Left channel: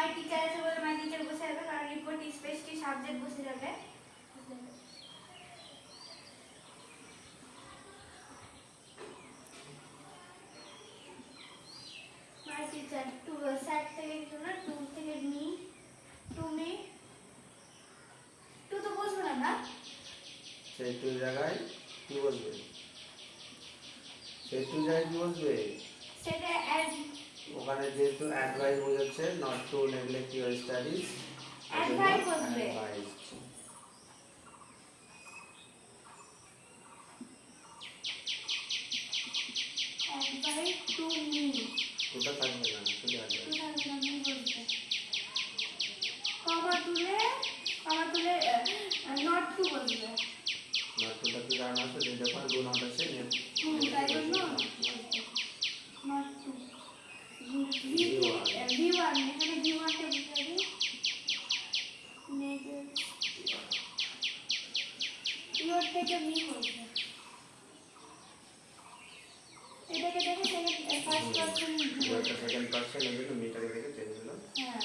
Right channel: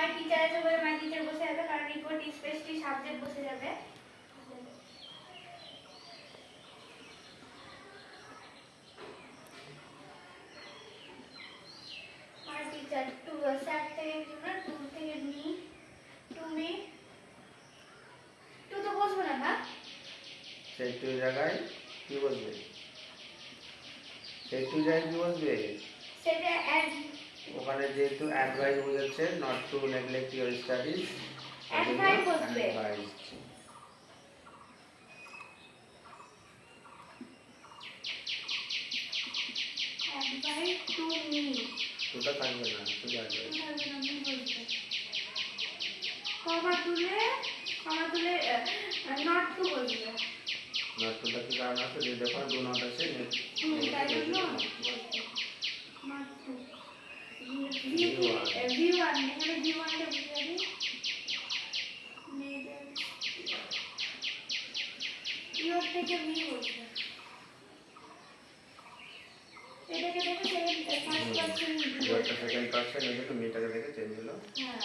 My teacher আছে বলে my teacher বসে যাবে, কারণ রিপোর্ট স্পেশালি সাবজেক্ট বসে যাবে। মাই টিচার টু স্যার থেকে না, টু থেকে মি, টু মি, টু তো বসবে না না, সেই টু জায়গায় কি বসবে? সেই টু জায়গায় কি বসবে? সেটা অ্যাড, ওখানে যেহেতু অ্যাডভাইস বোঝাচ্ছে not to neglect your studies, advice বসবে। অ্যাডভাইস। অ্যাডভাইস টু মি, ওটা থাকবে না, শুধু অ্যাডভাইস। কমা তুলে নট টু বসবে। নট টুটা কি কারণ আছে? যে দেখো ডু নট আছে, তাই জন্য নট টু V1 এখানে V1 টা বসাবি, ইউর থেকে মি বসবে। এটাকে দেখে second first person, second person, এদিকে মিটারে দেখে চেঞ্জ হলো। হ্যাঁ